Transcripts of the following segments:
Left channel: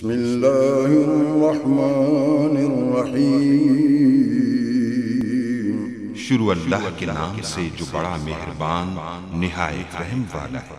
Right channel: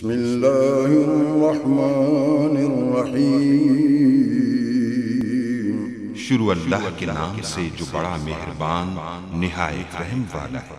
बिस्मिल्लाहिर्रहमानिर्रहीम। शुरू अल्लाह के नाम से जो बड़ा मेहरबान निहायत रहम वाला है।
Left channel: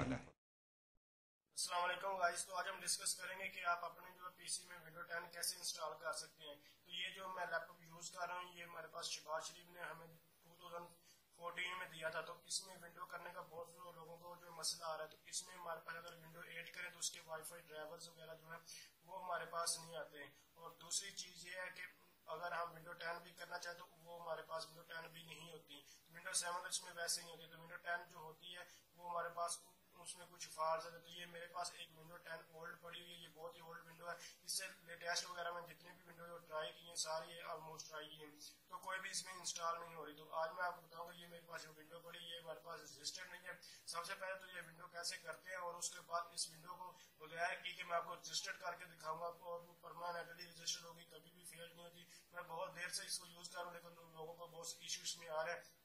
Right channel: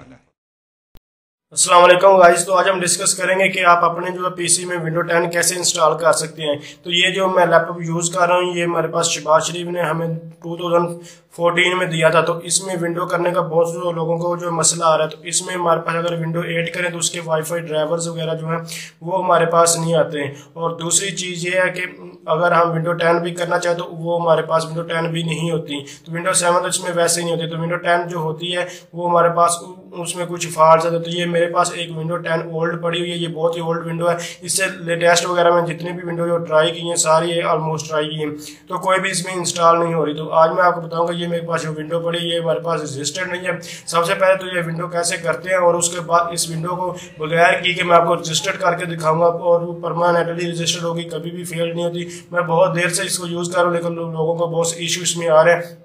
अस्सलाम वालेकुम गाइस। तो आज हम डिस्कस करेंगे कि आप अपने जो पीसी में विंडो 10 कैसे इंस्टॉल कर सकते हैं। तो ये जो मैं लैपटॉप यूज़ कर रहा हूँ ये हमारे पास शहबाज शरीफ ने हमें 2014 में दिया था। तो इसमें विंडो करने का बहुत से लोगों को जो मसला आ रहा है, तो इसमें हमारे पास अगर विंडो 8 करें तो उसके वाईफाई ड्राइवर्स वगैरह जो हैं वो हमारे पास नहीं आते हैं। और दूसरी चीज़ ये है कि अगर हम विंडो 10 भी करना चाहें तो वो हमारे पास विंडो 10 भी नहीं होती। तो विंडो 7 तो इसमें वैसे ही नहीं होती। तो विंडो 10 जो होती है वो हमारे पास उसमें कुछ फॉल्ट है। तो ये मेरे पास एक विंडो 10 ओल्ड पड़ी हुई है, ये बहुत ही ओल्ड विंडो है। इससे लेटेस्ट वगैरह में जितनी भी विंडो जो ट्राई की हैं सारी ऑलमोस्ट ट्राई की हैं, तो कोई भी इसमें इंस्टॉल नहीं हो रही। तो आज मैं आपको बताऊंगा ये मेरे पास जो विंडो पड़ी है ये हमारे पास रजिस्टर्ड नहीं है। सबसे पहले तो ये विंडो कैसे करते हैं और उसके बाद इस विंडो को बगैर की कि मैं आपको रजिस्टर्ड करके दिखाऊंगा और वो परमानेंटली रजिस्टर्ड होगी, कभी भी फेल नहीं होती। मैं बहुत देर से इसको यूज़ कर रहा हूँ लेकिन लोगों को बहुत इशू इसमें आ रहे हैं,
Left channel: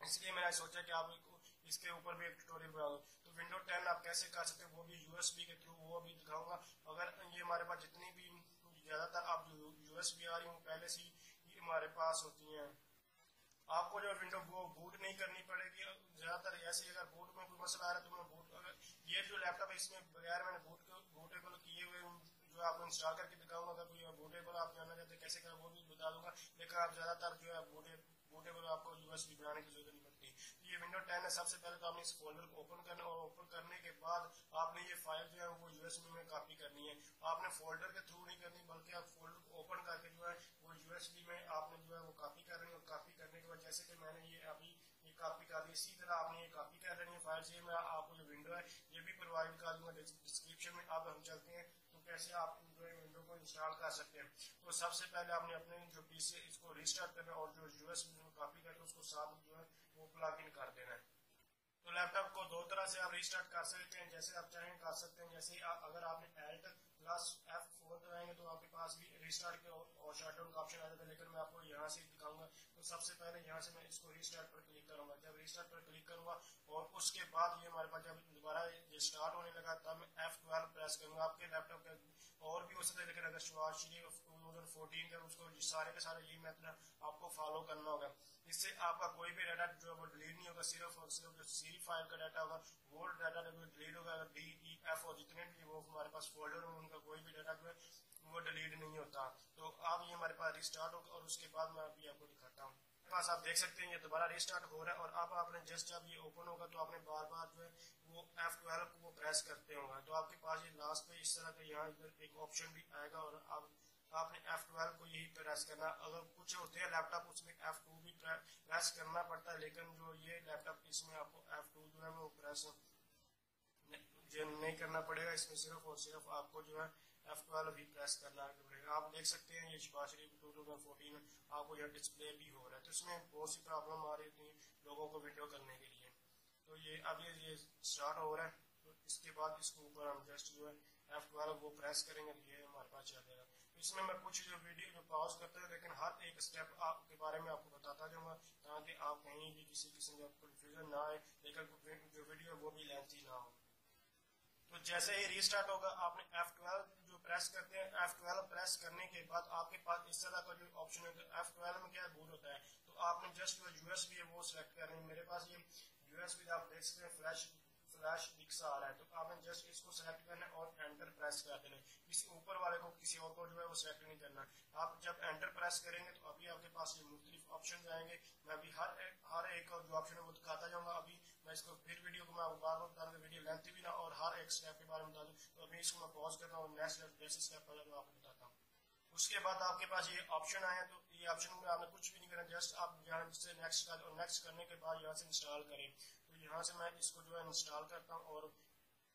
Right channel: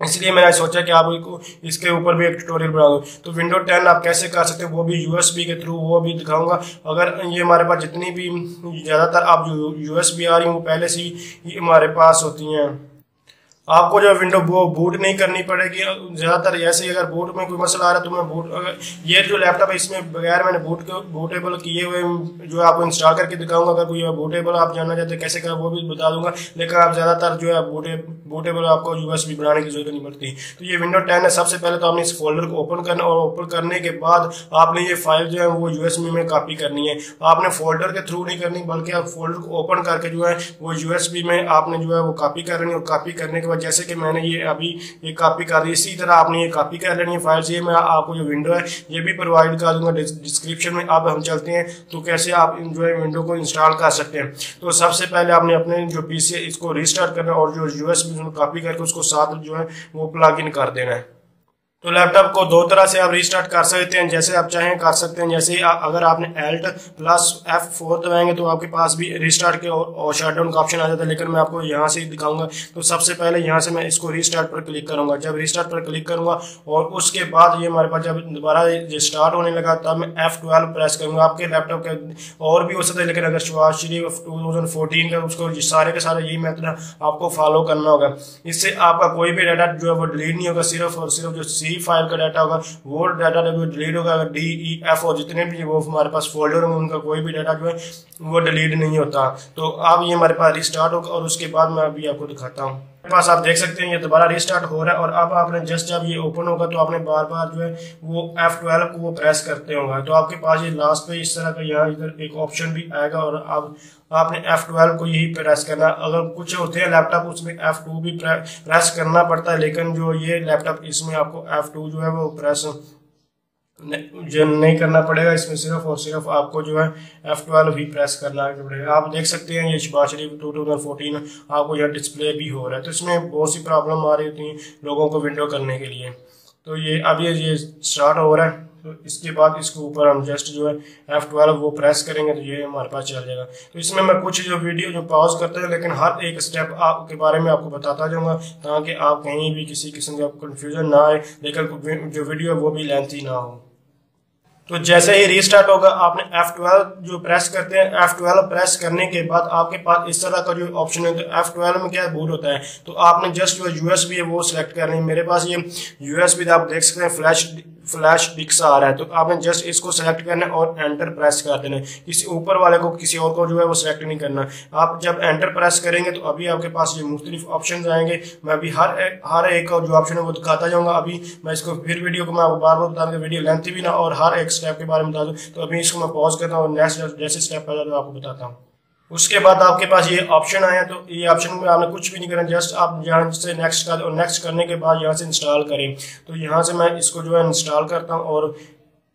इसलिए मैंने सोचा कि आपको इसके ऊपर भी एक ट्यूटोरियल बना दूं। तो विंडो 10 आप कैसे कर सकते हैं वो भी यूएसबी के थ्रू वो भी दिखाऊंगा। अगर ये हमारे पास जितनी भी ज़्यादातर आप जो यूएसबी आ रही हैं वो पहले से ही हमारे पास होती हैं। आपको जो विंडो वो बूट नहीं करनी पड़ेगी। ज़्यादातर ऐसे ही अगर बूट में कोई मसला आ रहा है तो मैं बूट, अगर ये जो लैपटॉप है इसमें बगैर मैंने बूटेबल किए हुए जो आपको इंस्टॉल करके दिखाऊंगा। अगर कोई बूटेबल आप जानना चाहते हैं कैसे कर वो भी बता दूंगा, लेकिन आप ज़्यादातर जो है बूटेबल आपको यूएसबी बनाने की जरूरत नहीं पड़ती। तो ये विंडो 10 है। सबसे पहले तो आपने इस फोल्डर को ओपन करना और ओपन करने के बाद आपने ये फाइल जो है वो यूएसबी में कॉपी करनी है। आपने फोल्डर के थ्रू नहीं करनी बल्कि आप फोल्डर को ओपन करके जो है वो यूएसबी में आपने जो है वो कॉपी करनी है। और कॉपी करने के बाद जैसे कि मैंने ये अभी ये कॉपी कर दी, इसी तरह आपने ये कॉपी कर लेनी है फाइल्स। ये मैं आपको जो विंडो है ये भी प्रोवाइड कर दूंगा डिस्क्रिप्शन में। अब हम चलते हैं तो कैसे आप जो है विंडो को इंस्टॉल कर सकते हैं। तो सबसे पहले आपने अपने जो पीसी है इसको रीस्टार्ट करना है और जो यूएसबी कॉपी करके उसको साथ जो है वो प्लग इन कर देना है। तो लैपटॉप को दो तरह से आप रीस्टार्ट कर सकते हैं, जैसे आप चाहें कर सकते हैं। जैसे अगर आपने Alt प्लस F4 दबाएंगे तो आपके पास भी रीस्टार्ट के और शटडाउन का ऑप्शन आ जाता है, लेकिन मैं आपको यहाँ से दिखाऊंगा। तो सबसे पहले यहाँ से मैं इसको रीस्टार्ट पर क्लिक करूंगा। जब रीस्टार्ट पर क्लिक करूंगा और उसके बाद ये हमारे पास जब दोबारा स्टार्ट होने लगा तब मैं F12 प्रेस करूंगा। आपके लैपटॉप के और भी हो सकता है, लेकिन अगर शहबाज शरीफ 2014 का उसको सारे के सारे यही मेथड आपको फॉलो करना होगा। इससे आपका कोई भी डाटा जो है वो डिलीट नहीं होगा, सिर्फ और सिर्फ जो फाइल का डाटा होगा वो डाटा जो डिलीट होगा। अगर DEF और जितने भी वो हमारे पास फोल्डर होंगे उनका कोई भी डाटा जो है वो डिलीट नहीं होता। तो अब ये हमारे पास रिस्टार्ट होगा और उसके बाद मैं अभी आपको दिखाता हूँ। मेरे पास आप देख सकते हैं ये दोबारा रिस्टार्ट हो रहा है। और अब आपने जस्ट जब ये ओपन होगा तो आपने बार बार जो है वो F12 को वो प्रेस करते होंगे। तो आपके पास ये लास्ट पे इस तरह का यहाँ इधर एक ऑप्शन भी आएगा और अब आपने F12 को यही प्रेस करना। अगर कुछ होते हैं लैपटॉप उसमें F2 भी प्रेस करना पड़ता है, लेकिन जो ये लैपटॉप इसमें आपको F2 जो है वो प्रेस जो नहीं करना पड़ेगा। इसमें सिर्फ और सिर्फ आपको जो है F12 भी प्रेस करना पड़ेगा। आप देख सकते हैं ये शहबाज शरीफ 2014 आपको यह डिस्प्ले भी हो रहा है। तो इसमें बहुत सी प्रॉब्लम आ रही होती है लोगों को विंडो करने के लिए। तो ये अब ये स्टार्ट हो रहा है। तो इसके बाद इसके ऊपर हम जस्ट जो है F12 वो प्रेस करेंगे तो ये हमारे पास चल जाएगा। तो इसमें मैं कुछ जो वीडियो जो पॉज करते हैं, लेकिन हर एक स्टेप आपके बारे में आपको बताता जाऊंगा ताकि आप कहीं भी किसी किस्म का कंफ्यूजन ना आए, लेकिन जो वीडियो है वो भी लेंथी ना हो। तो जैसे ही रीस्टार्ट होगा आपने F12 जो प्रेस करते हैं, F12 प्रेस करने के बाद आपके पास इस तरह का जो ऑप्शन है। तो F12 में क्या बूट होता है, तो आपने जस्ट जो यूएसबी है वो सिलेक्ट करनी है। मेरे पास ये यूएसबी आप देख सकते हैं फ्लैश डिस्क आ रहा है। तो आपने जस्ट इसको सेलेक्ट करना है और एंटर प्रेस कर देना है। किसी ऊपर वाले को किसी और को जो है वो सिलेक्ट नहीं करना। आप जब एंटर प्रेस करेंगे तो अभी आपके पास ये मुख्तलिफ ऑप्शन आएंगे। मैं अभी हर एक जो ऑप्शन है वो दिखाता जाऊंगा। अभी मैं इसको फिर वीडियो को मैं आपको बार बार बता दूंगा, वीडियो लेंथी भी ना और हर एक स्टेप के बारे में बता दूँ। तो अभी इसको मैं पॉज करता हूँ और नेक्स्ट जैसे स्टेप आ जाता है आपको बताता हूँ। उसके बाद आपके पास ये ऑप्शन आया। तो ये ऑप्शन में आपने कुछ भी नहीं करना, जस्ट आप यहाँ से नेक्स्ट कर और नेक्स्ट करने के बाद यहाँ से इंस्टॉल करें। तो यहाँ से मैं इसको जो है इंस्टॉल करता हूँ और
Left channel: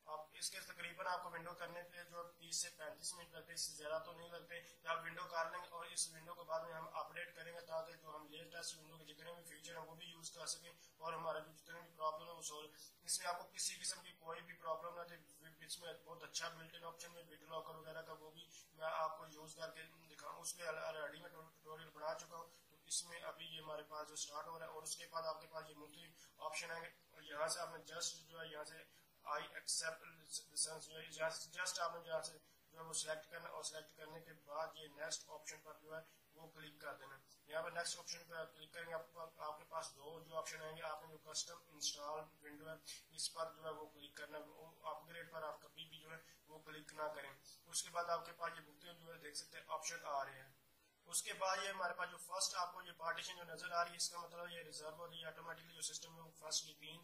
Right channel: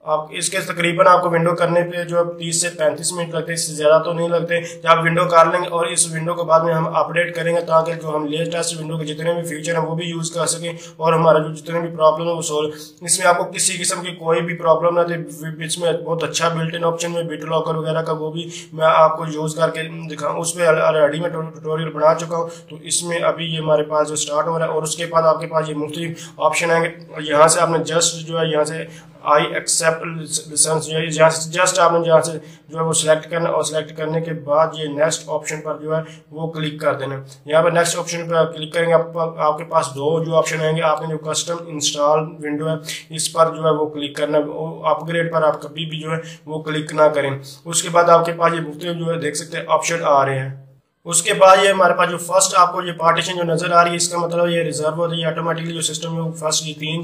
आप इसके तकरीबन आपको विंडो करने पे जो 30 से 35 मिनट लगते हैं, इससे ज़्यादा तो नहीं लगते। जब आप विंडो कर लेंगे और इस विंडो के बाद में हम अपडेट करेंगे ताकि जो हम लेटेस्ट विंडो के जितने भी फीचर हैं वो भी यूज़ कर सकें और हमारा जो जितने भी प्रॉब्लम है वो सोल्व। इसमें आपको किसी किस्म की कोई भी प्रॉब्लम ना थी। इसमें बहुत अच्छा बिल्ट इन ऑप्शन में बिट लॉकर वगैरह का वो भी मैं आपको यूज़ करके दिखाऊँ, उस पर ऑलरेडी मैं ट्यूटोरियल बना चुका हूँ। तो इसमें अभी ये हमारे पास जो स्टार्ट हो रहा है और उसके बाद आपके पास ये मुख्तलिफ ऑप्शन आएंगे। यहाँ से आपने जस्ट जो है यहाँ से आई एक्सेप्ट लाइसेंस, यहाँ से जस्ट आपने जहाँ से जो है वो सिलेक्ट करना और सिलेक्ट करने के बाद ये नेक्स्ट ऑप्शन पर जो है वो क्लिक कर देना। यहाँ पर नेक्स्ट ऑप्शन पर क्लिक करेंगे आपके पास दो जो ऑप्शन आएंगे। आपने जो कस्टम इंस्टॉल विंडो है इस पर जो है वो क्लिक करना, अपग्रेड पर आप कभी भी जो है वो क्लिक ना करें। उसके बाद आपके पास ये मुख्तलिफ जो है देख सकते हैं ऑप्शन आ रहे हैं। उसके बाद ये हमारे पास जो फर्स्ट आपको ये पार्टीशन जो नजर आ रही है इसका मतलब ये रिजर्व होता है, ये ऑटोमेटिकली जो सिस्टम है फर्स्ट ये तीन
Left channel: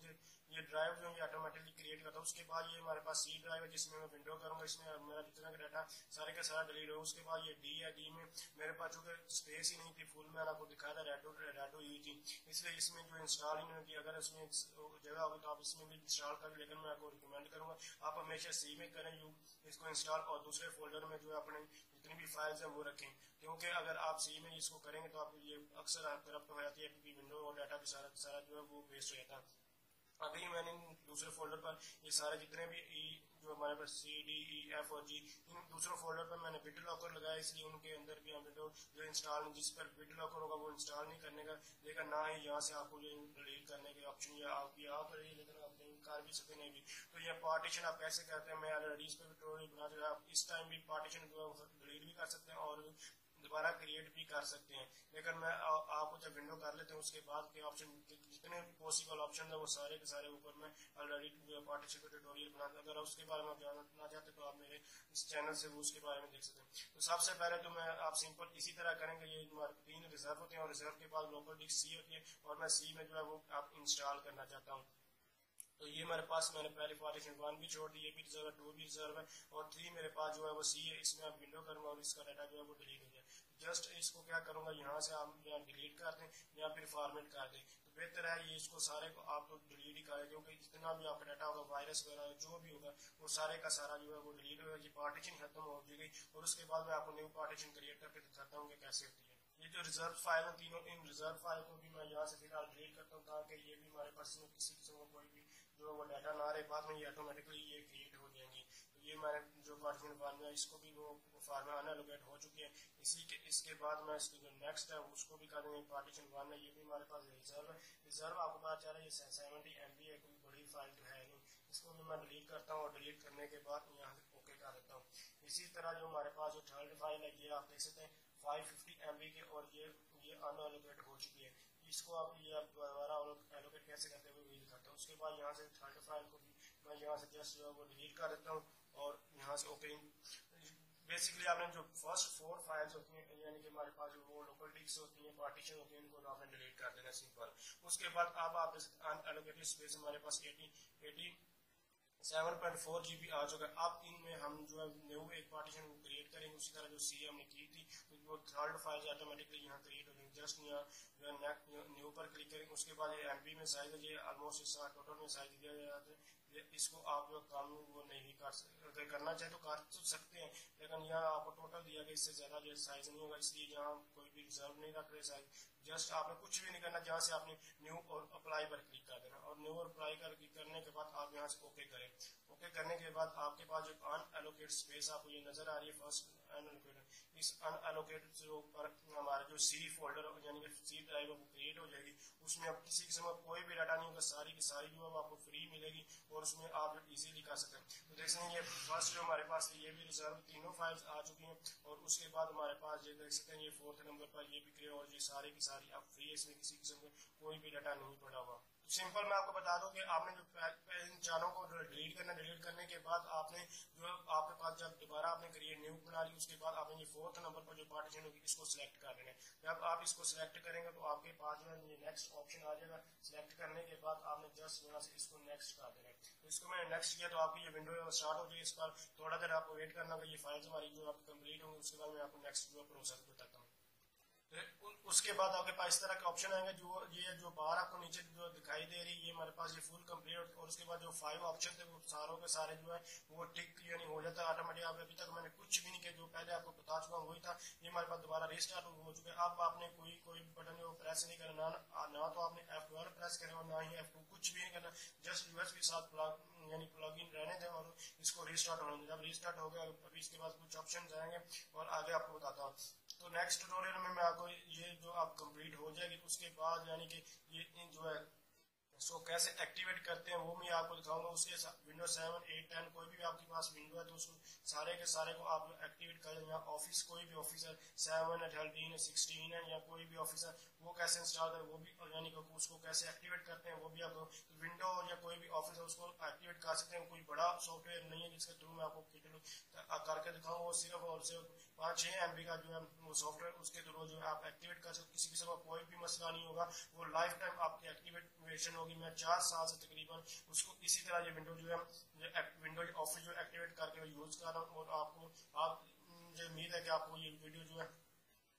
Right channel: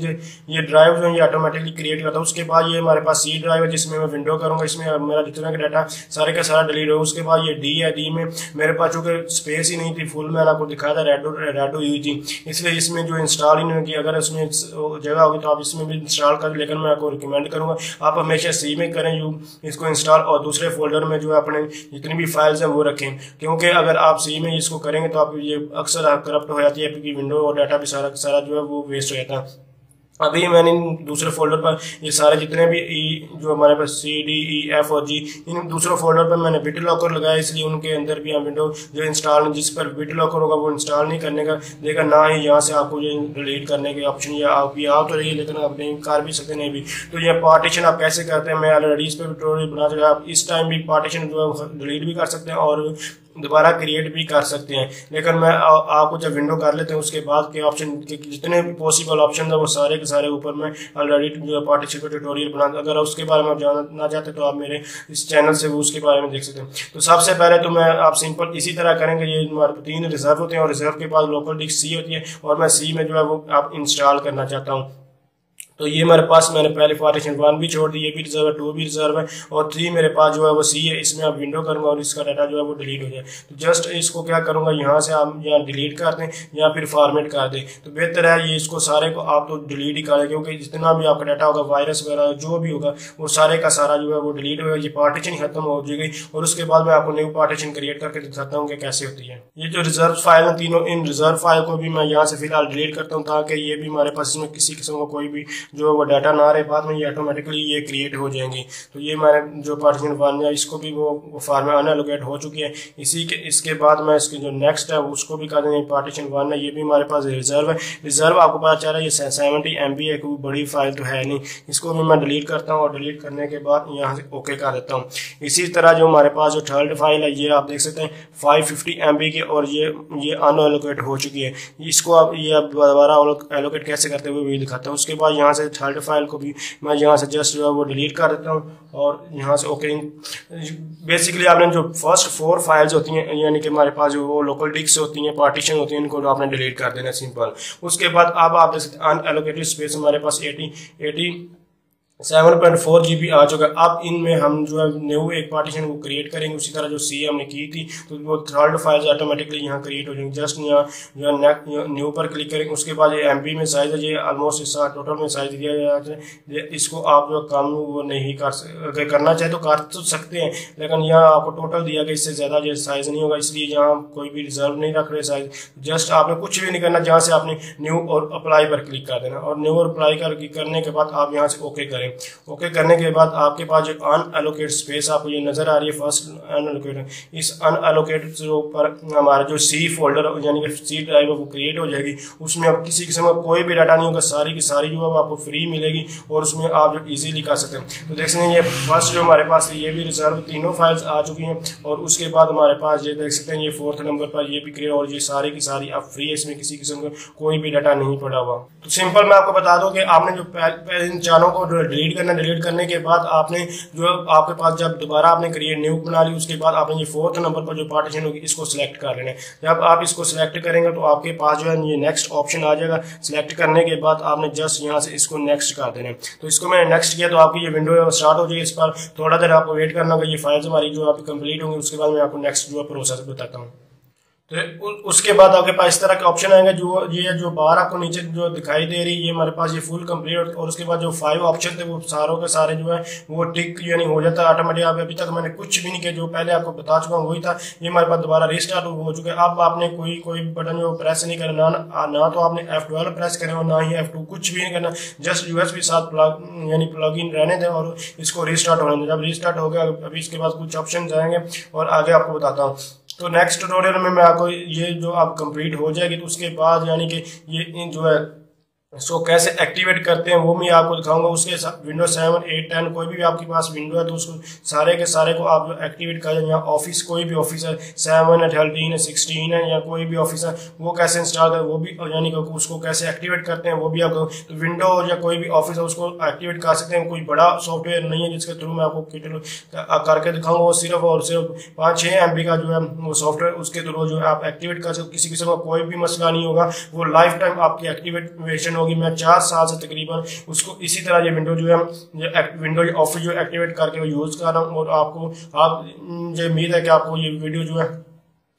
ये ड्राइव जो है ये ऑटोमेटिकली क्रिएट करता है। उसके बाद ये हमारे पास सी ड्राइव है जिसमें मैं विंडो करूंगा, इसमें मेरा जितना का डाटा सारे का सारा डिलीट होगा। उसके बाद ये डी है, डी में मेरे पास चूंकि स्पेस ही नहीं थी फुल, मैंने आपको दिखाया था रेडो यूज थी, इसलिए इसमें जो इंस्टॉल ही नहीं की। अगर इसमें जगह होगी तो आप इसमें भी इंस्टॉल करें, लेकिन मैं आपको रिकमेंड करूंगा आप हमेशा सी में करें इसको इंस्टॉल, और दूसरे फोल्डर में जो है अपने जितनी भी फाइल्स हैं वो रखें, क्योंकि अगर आप सी में इसको करेंगे तो आप ये अक्सर करप्ट हो जाती है क्योंकि विंडो और डाटा भी सारा जो है वो वेस्ट हो जाता है। अभी मैंने दूसरे फोल्डर पर ये सारे जितने भी जो हमारे पास सी डी ई एफ और जी इन दूसरे फोल्डर पर मैंने बिट लॉकर लगाया, इसलिए उनके अंदर भी हम विंडो जो इंस्टॉल जिस पर बिट लॉकर होगा वो इंस्टॉल नहीं करने का देगा, ना ही यहाँ से आपको ये डिलीट करने के ऑप्शन या आप भी आ तो रही है लेकिन आप नहीं कर भी सकते नहीं भी। तो ये पार्टीशन आप कैसे करते हैं मैं ऑलरेडी इस पर ट्यूटोरियल बना चुका, आप इस टाइम भी पार्टीशन जो है डिलीट भी कर सकते हैं और दोबारा क्रिएट भी कर सकते हैं। लेकिन मैं आपको जब विंडो कर लेते हैं उसके बाद के ऑप्शन के जितने भी पॉसिबल ऑप्शन है वो सारे के सारे ऊपर में ऑलरेडी जो पार्टीशन का ट्यूटोरियल बना, अगर उसके बारे में आप जानना चाहते तो आप मेरे इस चैनल से वो उसके बारे में देख सकते हैं। तो सबसे पहले तो मैं आप सिंपल इसी तरह करेंगे, ये हमारे तीन रिजर्व होते हैं और रिजर्व के बाद लोकल डिस्क सी होती है और मैं सी में जो है वो आप इंस्टॉल करना चाहता हूँ। तो ये मेरे पास मैंने पहले पार्टीशन 1 भी छोड़ दी, ये भी रिजर्व है, 2 भी रिजर्व है और 3 मेरे पास जो है वो सी है। इसमें आप विंडो करूंगा और इसका डाटा जो है वो डिलीट हो जाए। तो जस्ट इसको क्या करूंगा यहाँ से आप यहाँ डिलीट कर दें या फिर फॉर्मेट कर दें, तो बेहतर है ये इसको सारे को आप तो डिलीट ही कर दें, क्योंकि जितना भी आपका डाटा होगा वायरस वगैरह जो भी होगा वो सारे का सारा जो है वो डिलीट होगा, ये पार्टीशन खत्म हो जाएगी। और उसके बाद मैं आपको न्यू पार्टीशन क्रिएट करके दिखाता हूँ कि कैसे होती है। ये जो रिजर्व फाइल है तीनों, इन रिजर्व फाइल को भी मैं यहाँ से फिलहाल डिलीट करता हूँ ताकि ये भी हमारे पास इसमें किसी किस्म का कोई भी जो वो डाटा ना रहे, बाद में ये ऑटोमेटिकली ये क्रिएट हो जाएंगी। तो ये मैंने जो पार्टीशन 1 है इसको भी वो फार्म में अनएलोकेट हो चुकी है। इसके बाद मैं इसकी जो नेक्स्ट है उसको भी कर देंगे। पार्टीशन 1 है ये भी हमारे पास रिजर्व है। रिजर्व आपको पता चल रहा है ये 70 MB है, कोई बड़ी फाइल तो है नहीं। इसको भी मैं डिलीट करता हूँ और डिलीट करने के बाद यहाँ से ओके कर देता हूँ। इसी तरह जो हमारे पास जो थर्ड फाइल है ये आप देख सकते हैं 550 MB की और ये अनएलोकेट हो चुकी है। इसको आप ये आप दोबारा एलोकेट कैसे करते हुए भी दिखाता हूँ। उसके बाद यहाँ से थर्ड फाइल को भी मैं यहाँ से जस्ट जो है वो डिलीट कर देता हूँ और यहाँ से ओके। बेसिकली आपने जो फर्स्ट 4 फाइल्स होती हैं यानी कि हमारे पास जो वो लोकल डिस्क होती हैं पार्टीशन होती हैं इनको आपने डिलीट कर देना सिंपल। उसके बाद अब आप देख सकते हैं अनएलोकेटेड स्पेस हमारे पास 7.4 GB आ चुका है। अब इनमें हम जो है न्यू एक पार्टीशन को क्रिएट करेंगे, उसी तरह जो सी हमने की थी तो वो थर्ड फाइल्स ऑटोमेटिकली यहाँ क्रिएट हो जाएंगे। जस्ट यहाँ जो है न्यू पर क्लिक करेंगे। उसके बाद ये MB में साइज है, ये ऑलमोस्ट इस टोटल में साइज दिया जाता है। इसको आप जो कम वो नहीं अगर करना चाहे तो कर तो सकते हैं, लेकिन यहाँ आपको टोटल दिया गया इससे ज़्यादा जो साइज नहीं होगा, इसलिए यहाँ कोई भी रिजर्व नहीं रख रहे साइज। जस्ट आपने कुछ भी नहीं करना, जहाँ से आपने न्यू और अप्लाई पर क्लिक कर देना और न्यू और अप्लाई करने के बाद आप यहाँ से ओके करें। ओके करने के बाद आपके पास जो अनएलोकेट स्पेस आपको ये नजर आ रही है फर्स्ट अनएलोकेट, इस अनएलोकेट पर हमारा जो सी फोल्डर यानी कि सी ड्राइव है वो क्रिएट हो जाएगी। उसमें अब किसी किस्म का कोई भी डाटा नहीं होगा, सारी की सारी जो है आपको फ्री मिलेगी और उसमें आप जो इजीली कर सकते हैं। तो देख सकते हैं ये फर्स्ट जो हमारे पास ये भी रिजर्व तीनों फाइल्स आ चुकी हैं और उसके बाद हमारे पास ये देख सकते हैं ये 4th नंबर पर ये भी क्रिएट और ये सारी की सारी आप फ्री है, इसमें किसी किस्म का कोई भी डाटा नहीं पड़ा हुआ। तो सिंपल मैं आपको बता दूं कि आपने जो इन चारों को डिलीट करने के बाद आपने जो आपके पास जब दोबारा आपने क्रिएट न्यू बना ली उसके बाद आपने ये 4th नंबर पर जो पार्टीशन होगी इसको सिलेक्ट कर लेना है। जब आप इसको सिलेक्ट करेंगे तो आपके पास जो है ये नेक्स्ट ऑप्शन आ जाएगा। सिलेक्ट करने के बाद आपने जस्ट यहाँ से इसको नेक्स्ट कर देना है। तो इसको मैंने नेक्स्ट किया तो आपकी ये विंडो स्टार्ट हो जाएगी। इस पर थोड़ा देर आपको वेट करना होगा, ये फाइल्स हमारी जो आपकी कंप्लीट होंगी उसके बाद मैं आपको नेक्स्ट जो प्रोसेस बताता हूँ। तो उसके बाद आपके पास इस तरह के ऑप्शन आएंगे, जो ये जो बाहर आपको नीचे जो दिखाई दे रही है ये हमारे पास ये फुल कंप्लीट और उसके बाद जो 5 ऑप्शन थे वो सारों के सारे जो है वो टिक यानी हो जाता है ऑटोमेटिक। आप अभी तक मैंने कुछ भी नहीं किया, जो पहले आपको बता चुका हूँ वही था। ये हमारे पास दोबारा रिस्टार्ट हो चुका है। अब आपने कोई बटन जो प्रेस नहीं करना, ना तो आपने F12 प्रेस करें और ना ही F2, कुछ भी नहीं करना। जस्ट USB साथ यानी प्लग इन रहने दें और इसको रिस्टार्ट होने दें। जब रिस्टार्ट हो गया अभी इसके बाद कुछ ऑप्शन आएंगे और आगे आपको बताता हूँ। तो नेक्स्ट ट्यूटोरियल में मैं आपको ये जो आप कंप्लीट हो जाएगी तो उसके बाद यानी कि ये जो है इसको कैसे एक्टिवेट करते हैं वो मैं आपको दिखाऊंगा। उसके साथ विंडो 7, 8, 10 कोई भी आपके पास विंडो है तो उसको सारे के सारे को आप एक्टिवेट कर दें। यहाँ ऑफिस कोई भी ऑफिस है 7 है, 13 है, 16 है या कोई भी ऑफिस है वो कैसे इंस्टॉल करें वो भी, यानी कि उसको कैसे एक्टिवेट करते हैं वो भी आपको, तो विंडो या कोई भी ऑफिस है उसको एक्टिवेट कर सकते हैं। कोई बड़ा सॉफ्टवेयर नहीं है जिसके थ्रू मैं आपको करके दिखाऊंगा, वो सिर्फ और सिर्फ 5-6 MB का जो है वो सॉफ्टवेयर, उसके थ्रू जो है आप एक्टिवेट कर सकते। किसी किस्म का कोई भी मसला नहीं होगा, वो लाइफ टाइम आपकी एक्टिवेशन होगी। मैं 4 साल से तकरीबन उसको इसी तरह ये विंडो जो है विंडो ऑफिस जो एक्टिवेट करके यूज कर रहा हूँ, और आपको मुझे उम्मीद है कि आपको ये वीडियो जो है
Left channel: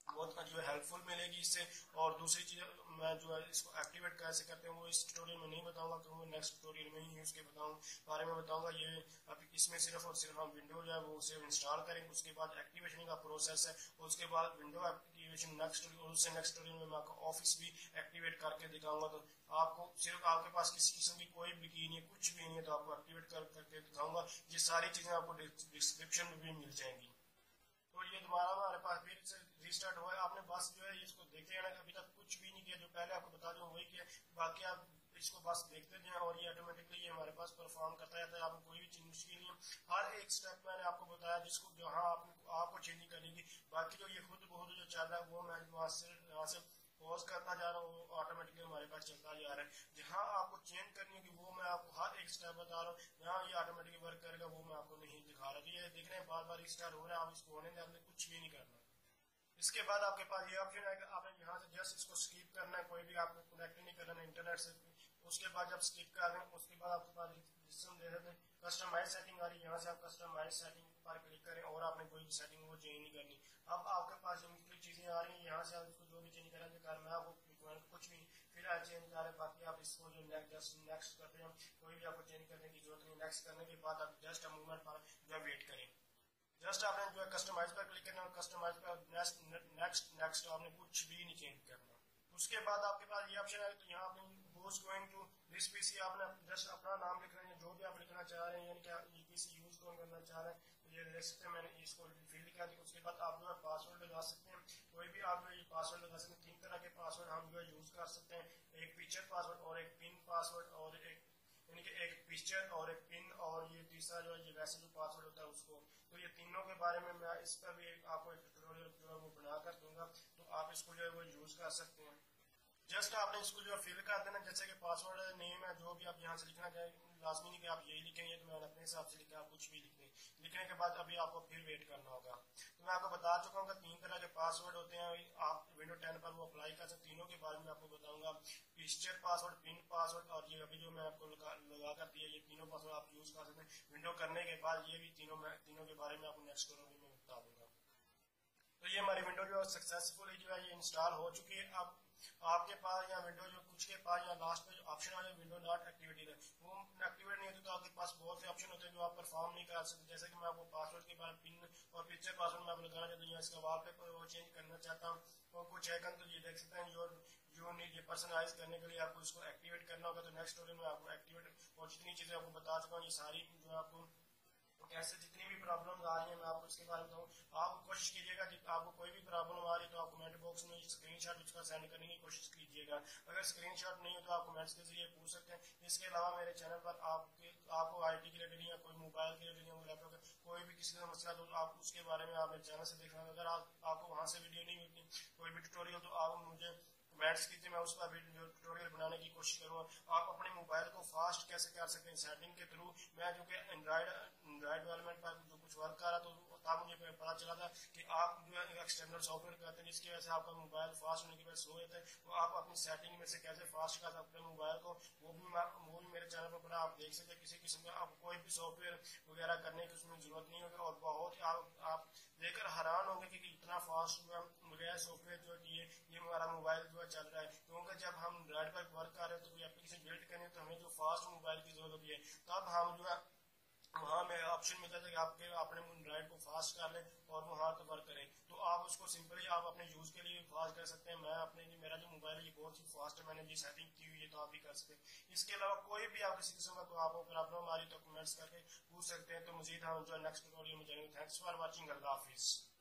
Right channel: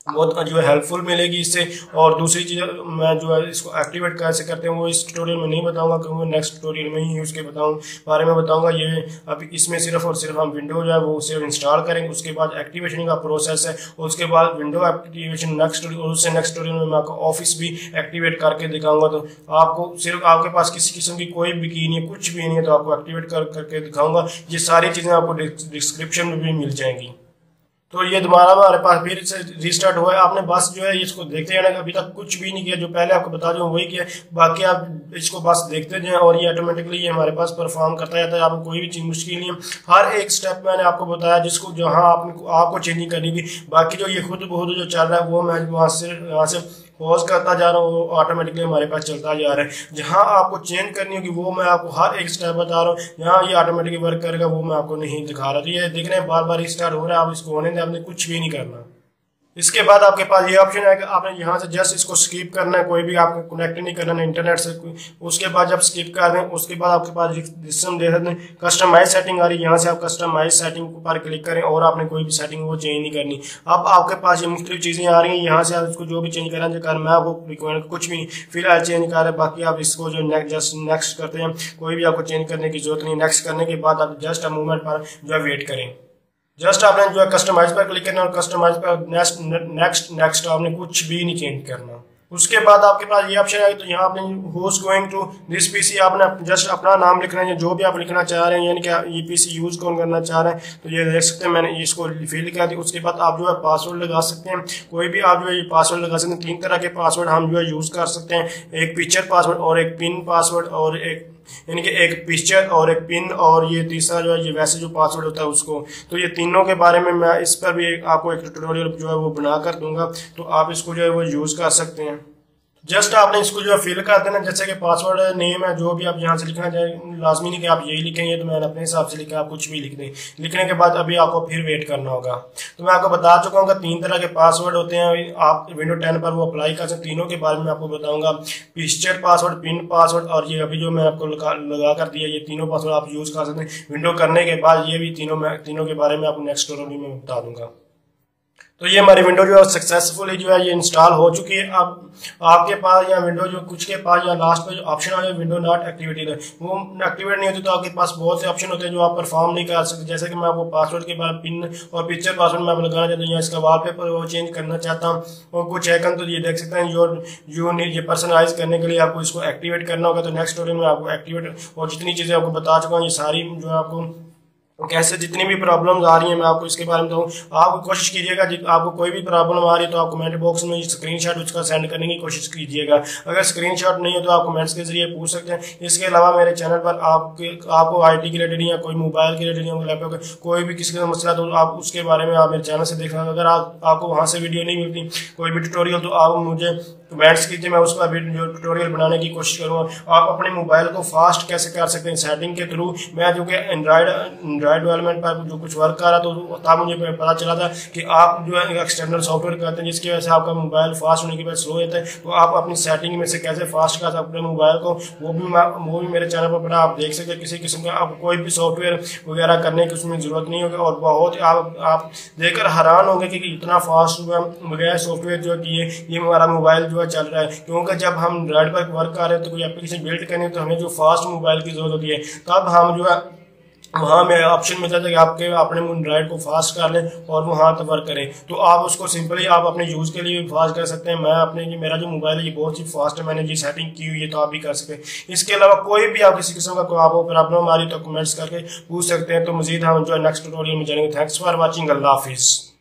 बहुत जो है हेल्पफुल मिलेगी इससे। और दूसरी चीज़ मैं जो है इसको एक्टिवेट कैसे करते हैं वो इस ट्यूटोरियल में नहीं बताऊंगा, क्योंकि नेक्स्ट ट्यूटोरियल में ही उसके बारे में बताऊंगा। ये अभी इसमें सिर्फ और सिर्फ हम विंडो जो है वो सिर्फ इंस्टॉल करेंगे, उसके बाद एक्टिवेशन का प्रोसेस है, उसके बाद विंडो एक्टिवेशन नेक्स्ट, और उससे नेक्स्ट ट्यूटोरियल में मैं आपको ऑफिस भी एक्टिवेट करके दिखाऊंगा। तो आपको सिर्फ आपके पास किसी किस्म की कोई भी की नहीं है, कुछ भी नहीं है, तो आपको एक्टिवेट करके दिखाऊंगा। ये सारी चीज़ें आपको डिस्क्रिप्शन में भी मिल जाएंगी। तो ये दोबारा हमारे पास फिर से रीस्टार्ट हुआ है। आपने बस जो है इसको देखते जाना, अभी तक कुछ भी नहीं किया, जो पहले आपको बता दूं वही किया, बाकी आप इसको बस देखते जाएं और ये ऑटोमेटिकली ये हमारे पास परफॉर्म करता जाता है। आपको कोई भी चीज़ मुश्किल नहीं है, हर एक स्टेप मैंने आपको बताया जिसको जहाँ आपको चेंजिंग करनी थी। बाकी जो ये खुद बहुत जो चल रहा है वो मैं यहाँ से पॉज करता जा रहा हूँ, वो ऑटोमेटिकली हमारे पास चलता जा रहा है। जहाँ आपको चेंज करनी होगी वो मैं आपको हर एक स्टेप बता रहा हूँ, यहाँ ये ऑटोमेटिकली वर्क करेगा वो मैं आपको नहीं दिखा रहा। तो ये देख रहे हैं बार बार स्टार्ट हो रहा है, आप इसको होने दें, आपने कुछ भी नहीं करना। इसके बाद आपके पास ये ऑप्शन है कि आपने यहाँ से जस्ट इसको स्किप करना है, कोई भी आपको कनेक्ट नहीं करना है इंटरनेट से। उसके बाद जब स्किप कर दें उसके बाद आपके पास सिस्टम दे सकते हैं कस्टमाइज सेटिंग आ रही है, यहाँ से आप कस्टमाइज सेटिंग पर क्लिक करें और आपने कोई भी सेटिंग वो चेंज नहीं करनी। अब आपके पास ये मुख्तलिफ चीज़ें आ रही हैं, यहाँ से आप इसको जो भी चेंज करना चाहिए, मैं आपको रिकमेंड कुछ भी फिलहाल चेंज कर रहे हैं। बाकी आप इसको जो जस्ट नेक्स्ट करते हैं, कोई भी आपको चेंज करने की जरूरत नहीं। नेक्स्ट करने के बाद आप जस्ट मूवमेंट पर जो है वेट करें। जस्ट आपने जो है कस्टमाइज पर क्लिक करना और कस्टमाइज पर नेक्स्ट आपने कुछ भी नहीं चेंज करना। उसके बाद आपके पास ये ऑप्शन है, तो यहाँ आपने who is going to this PC, आपने जस्ट अपना नाम लिखना है, जो भी आप लिखना चाह रहे हैं, यानी कि ये पीसी यूज कौन करना चाह रहे हैं, तो ये देख सकते हैं मैंने इसको फिल कर दिया। उसके बाद आप जो है पासवर्ड लगा सकते हैं, कोई भी आप जो है ये पासवर्ड लगा सकते हैं। 3 तरह के पासवर्ड हम जो है यूज कर सकते हैं, एक पिक्चर पासवर्ड और एक पिन पासवर्ड, और एक यानी कि एक पिक्चर और एक पिन, और ये तीसरा जो है ये वैसे जो पासवर्ड होता है उसको। तो ये तीनों के बारे में मैं इस पर भी आपको एक ट्यूटोरियल जो है वो बना कर दूंगा, तो आप इसको जो है वो यूज़ कर सकते हैं। जस्ट आपने इसको जो है फिल कर देना, जैसे कि पासवर्ड नेम है जो भी आप यहाँ से लिखना चाहें, लाजमी नहीं कि आप यही लिखेंगे, तो मैंने अपने हिसाब से लिखा, आप कुछ भी लिख दें। लिखने के बाद अभी आपको फिर वेट करना होगा। तो मैं आपको बता चुका हूँ कि 3 तरह के पासवर्ड होते हैं, आप विंडो 10 पर वो अप्लाई कर सकते हैं। तीनों के बारे में आपको बताऊंगा, पिक्चर पासवर्ड, पिन पासवर्ड, और ये अभी जो मैं आपको लगा कर दिया, ये तीनों पासवर्ड आप यूज़ कर सकते हैं। विंडो करने के बाद ये भी तीनों के बारे में आपको नेक्स्ट ट्यूटोरियल में बता दूंगा। तो ये हमारी विंडो जो है सक्सेसफुली जो है ये इंस्टॉल हो चुकी है। अब आपके पास या विंडो जो कुछ के पास या लास्ट पे जो ऑप्शन आ जाए विंडो नॉट एक्टिवेटेड है, वो एक्टिवेट नहीं होती, तो आपके पास बहुत से ऑप्शन होते हैं जो आप परफॉर्म नहीं कर सकते। जैसे कि मैं आपको पासवर्ड के बाद पिन और पिक्चर पासवर्ड मैं लगाना चाहता हूँ, या इसका वॉलपेपर वो चेंज करना चाहता हूँ, और कुछ आइकन तो ये देख सकते हैं जो ये पर्सनलाइज करने के लिए आपको इसको एक्टिवेट करना होगा। तो नेक्स्ट ट्यूटोरियल में आपको एक्टिवेट और जितनी चीज़ें आपको बता चुका हूँ, ये सारी जो है आपको कैसे जितनी भी प्रॉब्लम्स आ रही हैं मैं आपको इसके बारे में बताऊँ। आप कोशिश कीजिएगा, आपको कोई भी प्रॉब्लम आ रही है तो आप कमेंट बॉक्स में स्क्रीनशॉट उसका सेंड करने की कोशिश कीजिएगा। अगर स्क्रीनशॉट नहीं हो तो आप कमेंट्स के जरिए पूछ सकते हैं। इसके अलावा मेरे चैनल पर आपको आईटी के रिलेटेड या कोई मोबाइल के रिलेटेड या लैपटॉप कोई भी किसी का मसला तो आप उसके बारे में आप मेरे चैनल से देखना। अगर आपको वहाँ से वीडियो नहीं मिलती कोई भी ट्यूटोरियल, तो आप मुझे कमेंट्स कीजिए, मैं उस पर भी जो ट्यूटोरियल बनाने की कोशिश करूँगा। आप अपने मोबाइल को फास्ट कैसे कर सकते हैं सेटिंग के थ्रू। मैं जो कि एंड्रॉयड डेवलपमेंट पर जो कुछ वर्क कर रहा तो तब मुझे पता चला था कि आप जो है एक्सटर्नल सॉफ्टवेयर करते हैं जिसकी वजह से आपका मोबाइल फास्ट होने की वजह स्लो होता है। तो आप अपनी सेटिंग में से कैसे फास्ट कर सकते हैं मोबाइल को, वो भी मेरे चैनल पर पड़ा, आप देख सकते हैं। किसी किस्म का आपको कोई भी सॉफ्टवेयर वगैरह करने की उसमें ज़रूरत नहीं होगी, और बहुत आप देखकर हैरान होंगे कि इतना फास्ट वगैरह सॉफ्टवेयर जो कि ये हमारा मोबाइल जो है चल रहा है। क्योंकि जब हम एंड्रॉइड पर वर्क कर रहे हैं तो कोई एप्लीकेशन बिल्ड करनी है तो हमें जो फास्ट मोबाइल की जरूरत होती है, तब हम जो है वहाँ में ऑप्शन मिलता है कि आपके अपने एंड्रॉइड को फास्ट कर लें और वहाँ तक वर्क करें। तो आप उसको सिंपली आप अपने यूज़ के लिए भी फास्ट कर सकते हैं। मेरा जो मोबाइल है ये बहुत ही फास्ट है, मैंने ये सेटिंग की हुई है, तो आप भी कर सकते हैं। इसके अलावा कोई भी आप किसी किस्म का कोई आपको प्रॉब्लम आ रही तो कमेंट्स करके पूछ सकते हैं। तो मजीद हम जो है नेक्स्ट ट्यूटोरियल में जानेंगे। थैंक्स फॉर वॉचिंग, अल्लाह हाफिज़।